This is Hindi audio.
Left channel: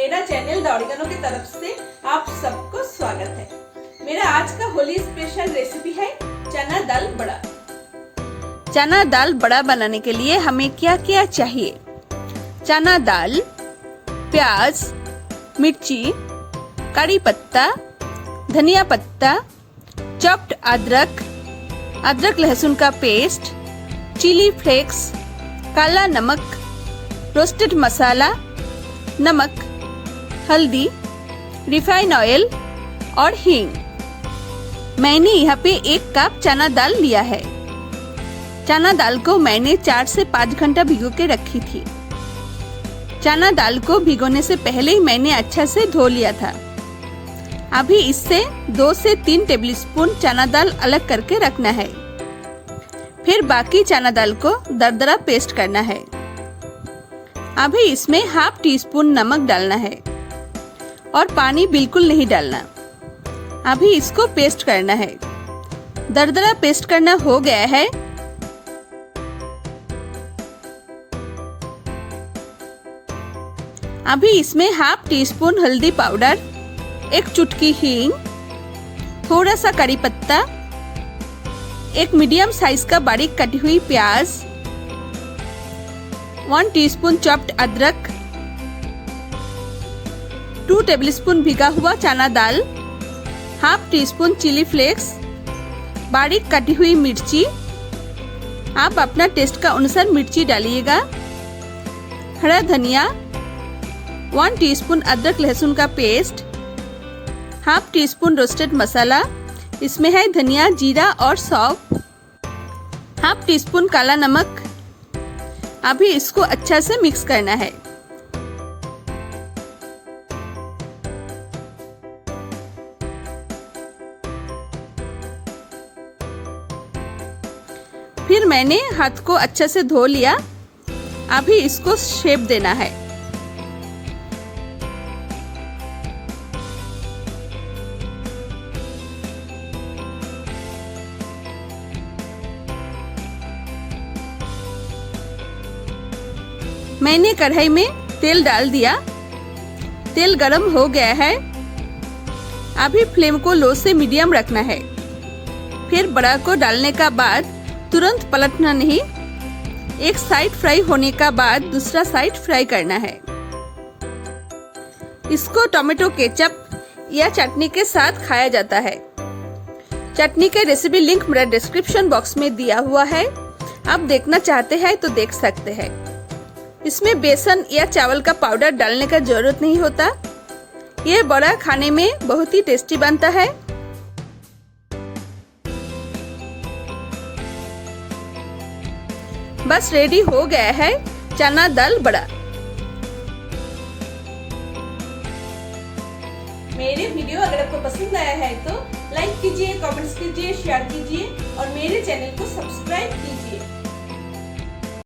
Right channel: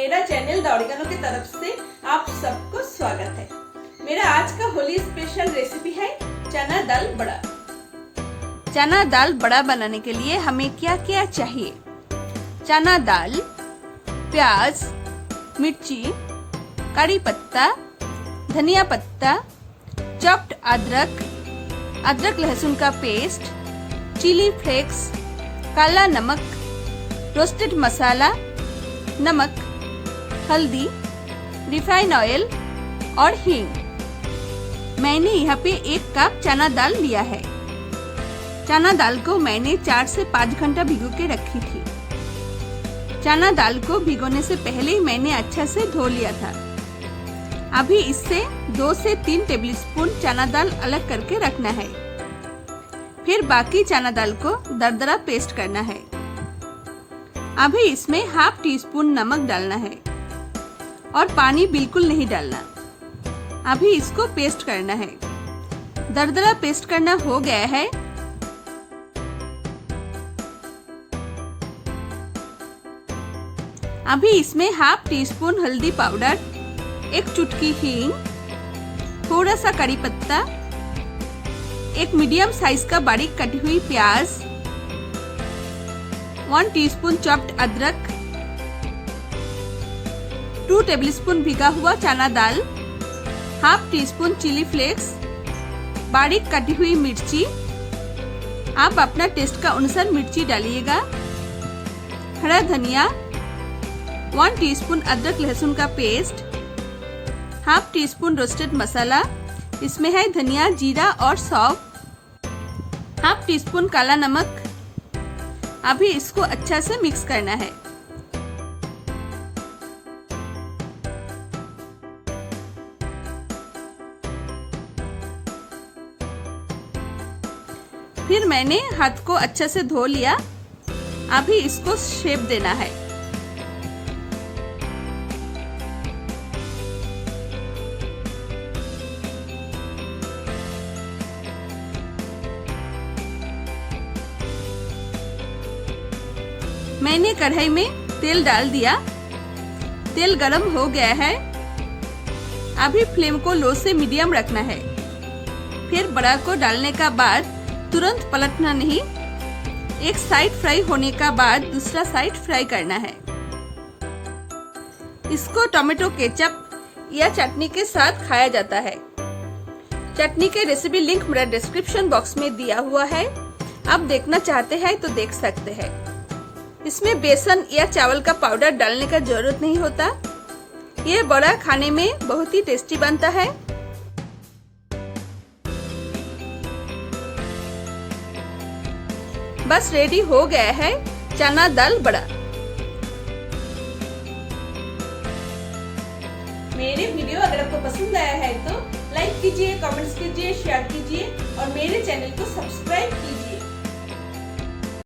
मेरा चैनल ओरेगानो की तरफ से आप सबको स्वागत है। मेरा आज का होली स्पेशल रेसिपी है चना दाल बड़ा। चना दाल बड़ा बनाने के लिए हमें क्या क्या चाहिए? चना दाल, प्याज, मिर्ची, कड़ी पत्ता, धनिया पत्ता, चॉप्ड अदरक लहसुन का पेस्ट, चिली फ्लेक्स, काला नमक, रोस्टेड मसाला, नमक, हल्दी, रिफाइन ऑयल और हींग। मैंने यहाँ पे 1 कप चना दाल लिया है। चना दाल को मैंने 4 से 5 घंटा भिगो के रखी थी। चना दाल को भिगोने से पहले ही मैंने अच्छा से धो लिया था। अभी इससे 2 से 3 टेबलस्पून चना दाल अलग करके रखना है। फिर बाकी चना दाल को दरदरा पेस्ट करना है। अभी इसमें हाफ टी स्पून नमक डालना है और पानी बिल्कुल नहीं डालना। अभी इसको पेस्ट करना है। दरदरा पेस्ट करना हो गया है। अभी इसमें हाफ टी स्पून हल्दी पाउडर, 1 चुटकी हींग, थोड़ा सा कड़ी पत्ता, 1 मीडियम साइज का बारीक कटी हुई प्याज, 1 टीस्पून चॉप्ड अदरक, 2 टेबलस्पून भिगा हुआ चना दाल, half teaspoon chilli flakes, बारीक कटी हुई मिर्ची। आप अपना टेस्ट का अनुसार मिर्ची डालिएगा। हरा धनिया, 1 टीस्पून अदरक लहसुन का paste, half teaspoon roasted मसाला, इसमें है धनिया, जीरा और सौंफ, हाफ टी स्पून काला नमक। अभी इसको अच्छा से मिक्स करना है। फिर मैंने हाथ को अच्छा से धो लिया। अभी इसको शेप देना है। मैंने कढ़ाई में तेल डाल दिया। तेल गरम हो गया है। अभी फ्लेम को लो से मीडियम रखना है। फिर बड़ा को डालने का बाद तुरंत पलटना नहीं। एक साइड फ्राई होने का बाद दूसरा साइड फ्राई करना है। इसको टोमेटो केचप या चटनी के साथ खाया जाता है। चटनी के रेसिपी लिंक मेरा डिस्क्रिप्शन बॉक्स में दिया हुआ है। आप देखना चाहते हैं तो देख सकते हैं। इसमें बेसन या चावल का पाउडर डालने का जरूरत नहीं होता। ये बड़ा खाने में बहुत ही टेस्टी बनता है। बस रेडी हो गया है चना दाल बड़ा। मेरे वीडियो अगर आपको पसंद आया है तो लाइक कीजिए, कमेंट्स कीजिए, शेयर कीजिए और मेरे चैनल को सब्सक्राइब कीजिए।